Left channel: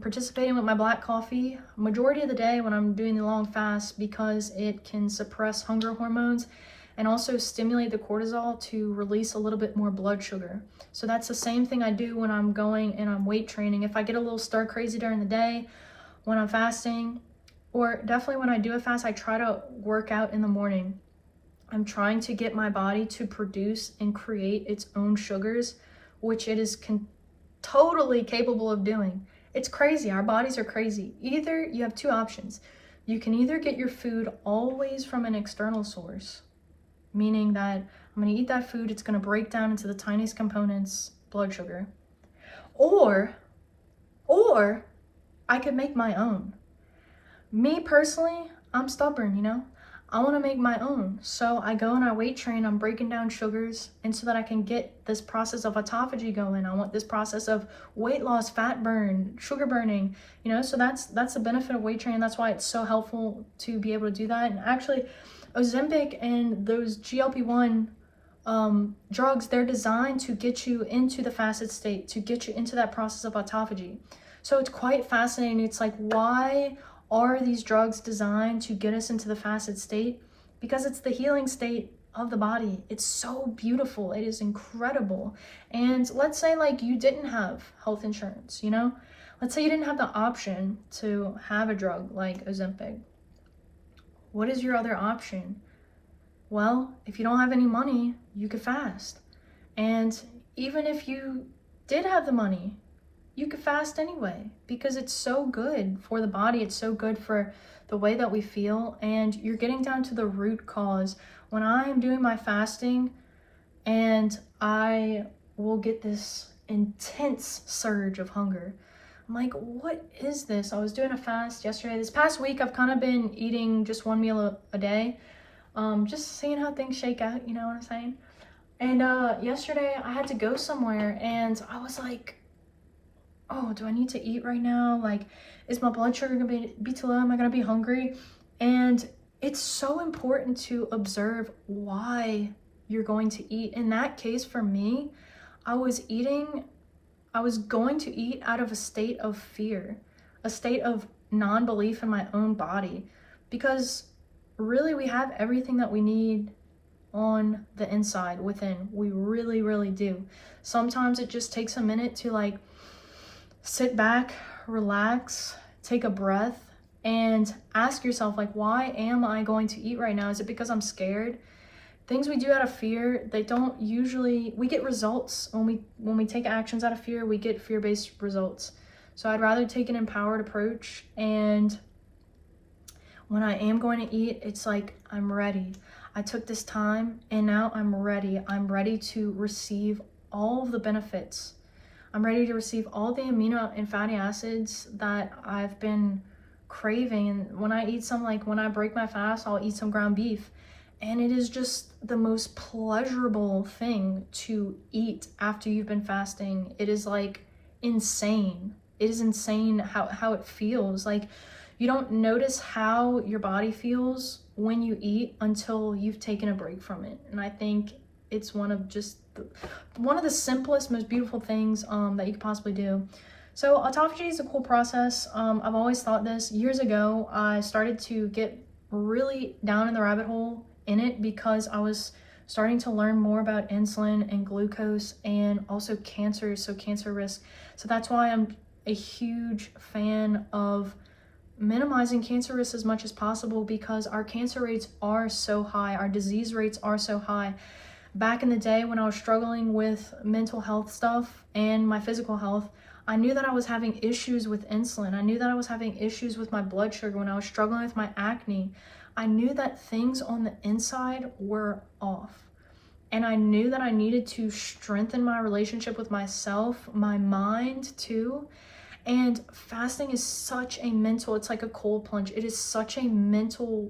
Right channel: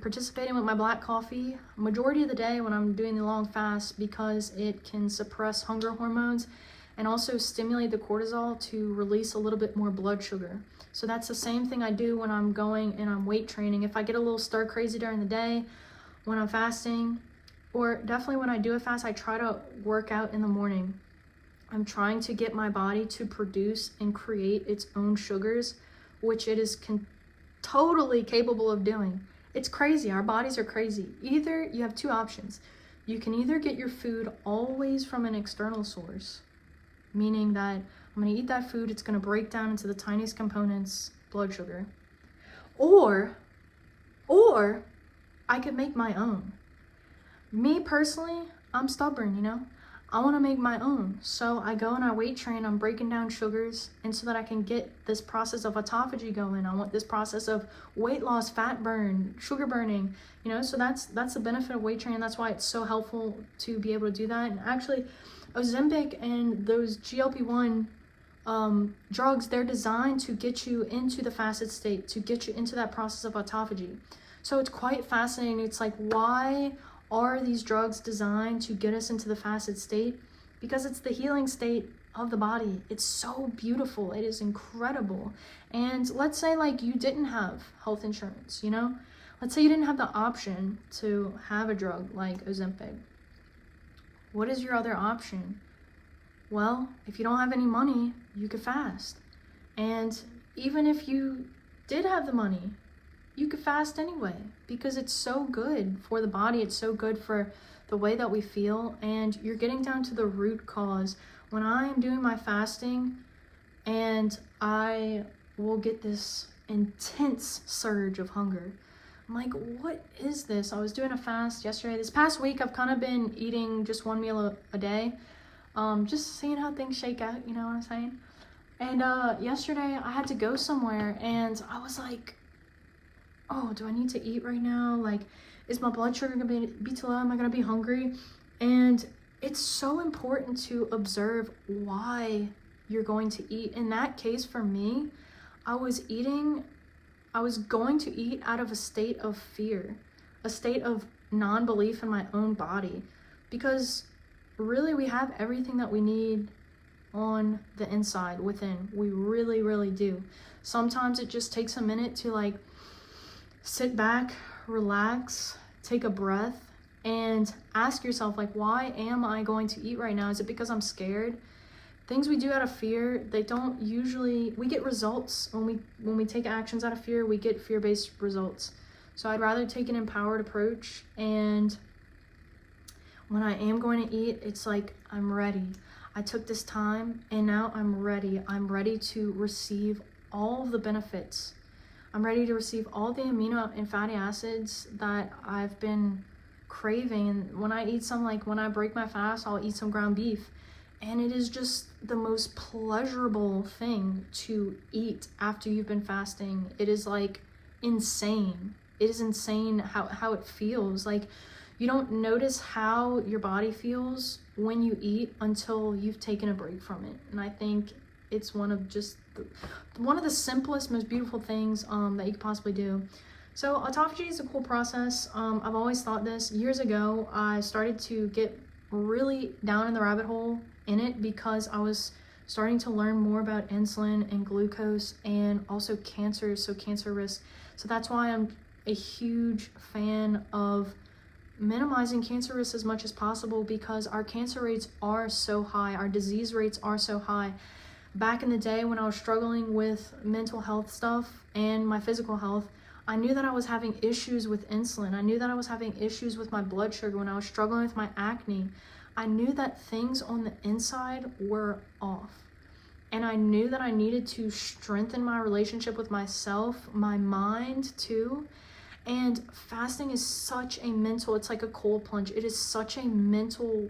participating with my black coffee majority of the day when I'm doing the long fast because it can suppress hunger hormones and also stimulate the cortisol to release a little bit more blood sugar. So that's the same thing I do when I'm going and I'm weight training. If I get a little stir crazy during the day when I'm fasting, or definitely when I do a fast, I try to work out in the morning. I'm trying to get my body to produce and create its own sugars, which it is totally capable of doing. It's crazy. Our bodies are crazy. Either you have two options. You can either get your food always from an external source, meaning that I'm going to eat that food, it's going to break down into the tiniest components, blood sugar. Or I could make my own. Me personally, I'm stubborn, you know? I want to make my own. So I go and I weight train, I'm breaking down sugars, and so that I can get this process of autophagy going. I want this process of weight loss, fat burn, sugar burning, you know? So that's the benefit of weight training. That's why it's so helpful to be able to do that. And actually, Ozempic and those GLP-1 drugs, they're designed to get you into the fasted state, to get you into that process of autophagy. So it's quite fascinating. It's like, why are these drugs designed to get us into the fasted state? Because it's the healing state of the body. It's so beautiful. It is incredible. And let's say like you didn't have health insurance, you know? Let's say you didn't have the option to have a drug like Ozempic. What is your other option? Well, if you don't have any money, you could fast. And even if you did have the money, you could fast anyway, because it's so good for the body. It's so good for the way that we feel, and you're getting down to the root cause. When I'm doing my fasting and I will get this intense surge of hunger, I'm like, what is this? I was doing a fast yesterday. This past week, I've kind of been eating just one meal a day, just seeing how things shake out, you know what I'm saying? And yesterday, I had to go somewhere, and I was like, oh, do I need to eat right now? Like, is my blood sugar gonna be too low? Am I gonna be hungry? And it's so important to observe why you're going to eat. In that case, for me, I was going to eat out of a state of fear, a state of non-belief in my own body, because really we have everything that we need on the inside within. We really, really do. Sometimes it just takes a minute to like sit back, relax, take a breath, and ask yourself, like, why am I going to eat right now? Is it because I'm scared? Things we do out of fear, they don't usually, we get results. When we take actions out of fear, we get fear-based results. So I'd rather take an empowered approach, and when I am going to eat, it's like, I'm ready. I took this time, and now I'm ready. I'm ready to receive all of the benefits. I'm ready to receive all the amino and fatty acids that I've been craving. And when I eat when I break my fast, I'll eat some ground beef. And it is just the most pleasurable thing to eat after you've been fasting. It is like insane. It is insane how it feels. Like, you don't notice how your body feels when you eat until you've taken a break from it. And I think it's one of the simplest, most beautiful things that you could possibly do. So autophagy is a cool process. I've always thought this. Years ago, I started to get really down in the rabbit hole in it because I was starting to learn more about insulin and glucose and also cancer, so cancer risk. So that's why I'm a huge fan of minimizing cancer risk as much as possible, because our cancer rates are so high, our disease rates are so high. Back in the day when I was struggling with mental health stuff and my physical health, I knew that I was having issues with insulin. I knew that I was having issues with my blood sugar when I was struggling with my acne. I knew that things on the inside were off. And I knew that I needed to strengthen my relationship with myself, my mind too. And fasting is such a mental, it's like a cold plunge. It is such a mental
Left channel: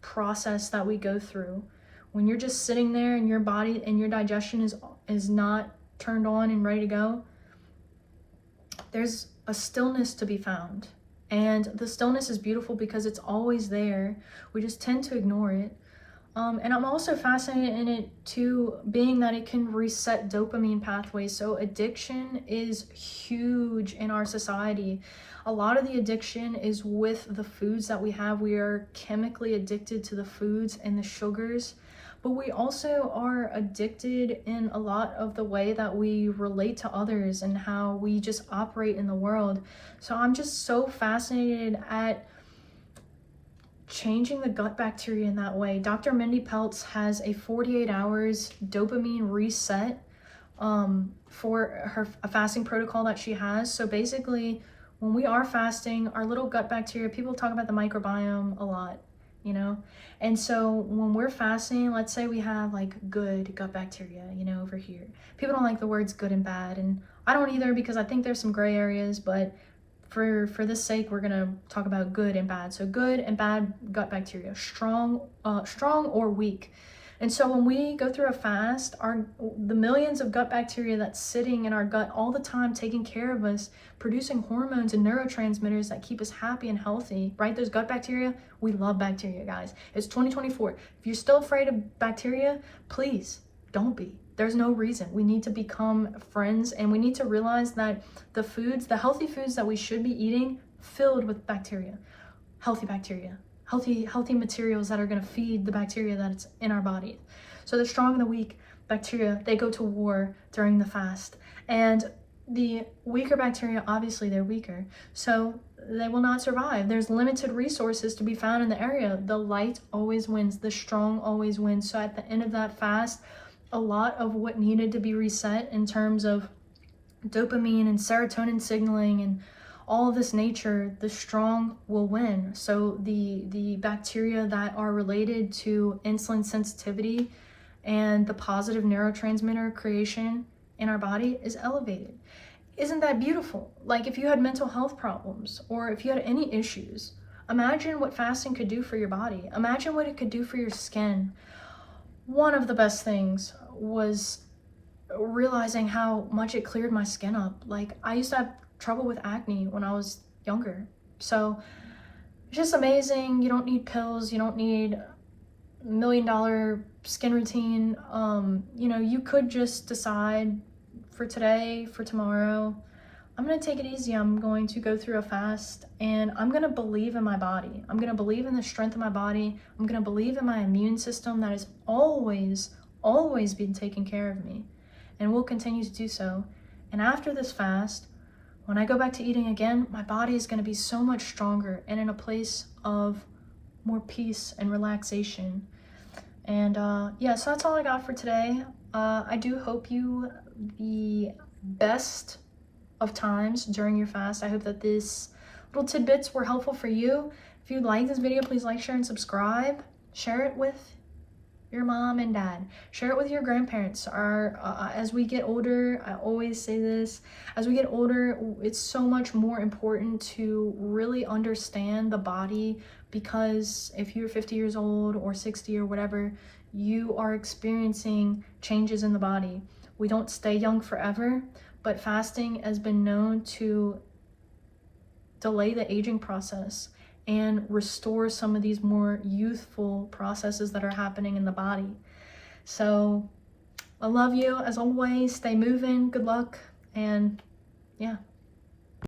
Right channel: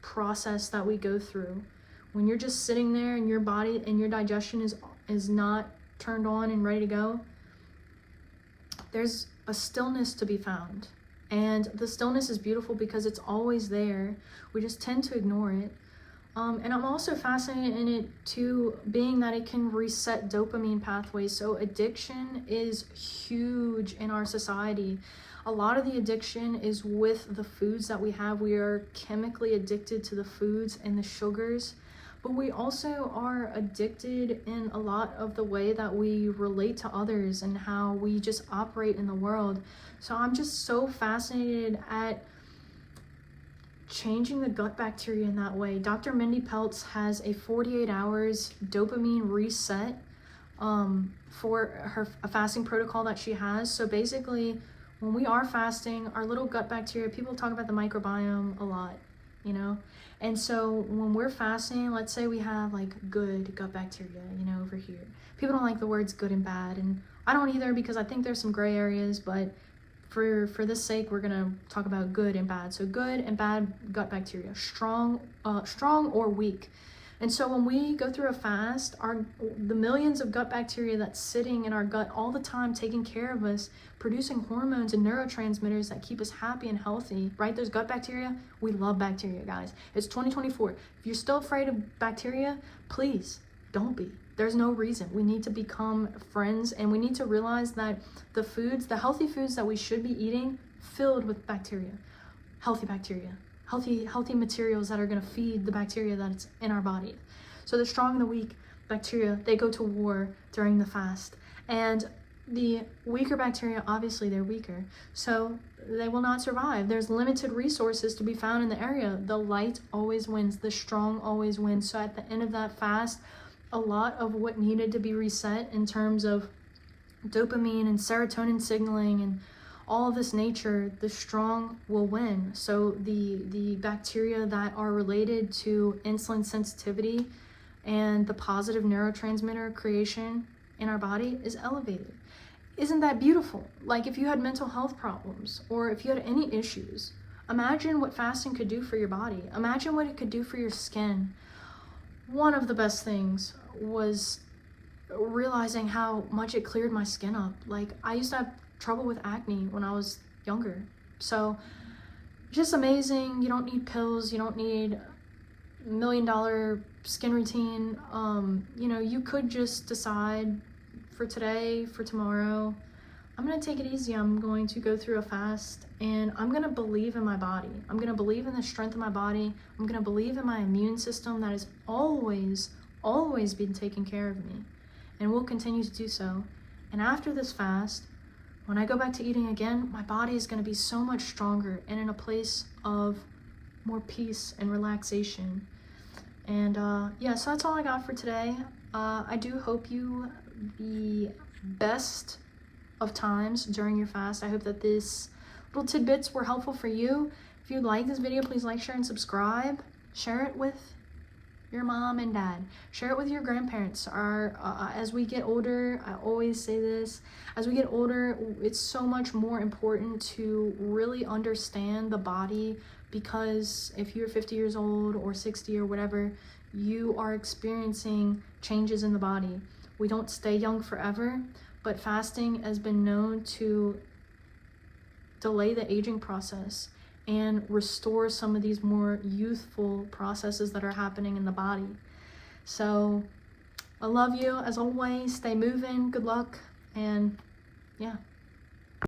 process that we go through. When you're just sitting there and your body and your digestion is not turned on and ready to go, there's a stillness to be found. And the stillness is beautiful because it's always there. We just tend to ignore it. And I'm also fascinated in it too, being that it can reset dopamine pathways. So addiction is huge in our society. A lot of the addiction is with the foods that we have. We are chemically addicted to the foods and the sugars, but we also are addicted in a lot of the way that we relate to others and how we just operate in the world. So I'm just so fascinated at changing the gut bacteria in that way. Dr. Mindy Pelz has a 48 hours dopamine reset for a fasting protocol that she has. So basically, when we are fasting, our little gut bacteria, people talk about the microbiome a lot, you know? And so when we're fasting, let's say we have like good gut bacteria, you know, over here. People don't like the words good and bad, and I don't either, because I think there's some gray areas, but for this sake, we're gonna talk about good and bad. So good and bad gut bacteria, strong or weak. And so when we go through a fast, the millions of gut bacteria that's sitting in our gut all the time, taking care of us, producing hormones and neurotransmitters that keep us happy and healthy, right? Those gut bacteria, we love bacteria, guys. It's 2024. If you're still afraid of bacteria, please don't be. There's no reason. We need to become friends, and we need to realize that the healthy foods that we should be eating, filled with bacteria, healthy materials that are going to feed the bacteria that's in our body. So the strong and the weak bacteria, they go to war during the fast. And the weaker bacteria, obviously they're weaker, so they will not survive. There's limited resources to be found in the area. The light always wins. The strong always wins. So at the end of that fast, a lot of what needed to be reset in terms of dopamine and serotonin signaling and all of this nature, the strong will win. So the bacteria that are related to insulin sensitivity and the positive neurotransmitter creation in our body is elevated. Isn't that beautiful? Like, if you had mental health problems or if you had any issues, imagine what fasting could do for your body. Imagine what it could do for your skin. One of the best things was realizing how much it cleared my skin up. Like, I used to have trouble with acne when I was younger. So it's just amazing. You don't need pills. You don't need $1 million skin routine. You know, you could just decide for today, for tomorrow, I'm going to take it easy. I'm going to go through a fast, and I'm going to believe in my body. I'm going to believe in the strength of my body. I'm going to believe in my immune system that has always been taking care of me and will continue to do so. And after this fast, when I go back to eating again, my body is going to be so much stronger and in a place of more peace and relaxation. And yeah, so that's all I got for today. I do hope you the best of times during your fast. I hope that these little tidbits were helpful for you. If you like this video, please like, share, and subscribe. Share it with your mom and dad. Share it with your grandparents. As we get older, I always say this, as we get older, it's so much more important to really understand the body, because if you're 50 years old or 60 or whatever, you are experiencing changes in the body. We don't stay young forever, but fasting has been known to delay the aging process and restore some of these more youthful processes that are happening in the body. So I love you as always. Stay moving. Good luck. And yeah.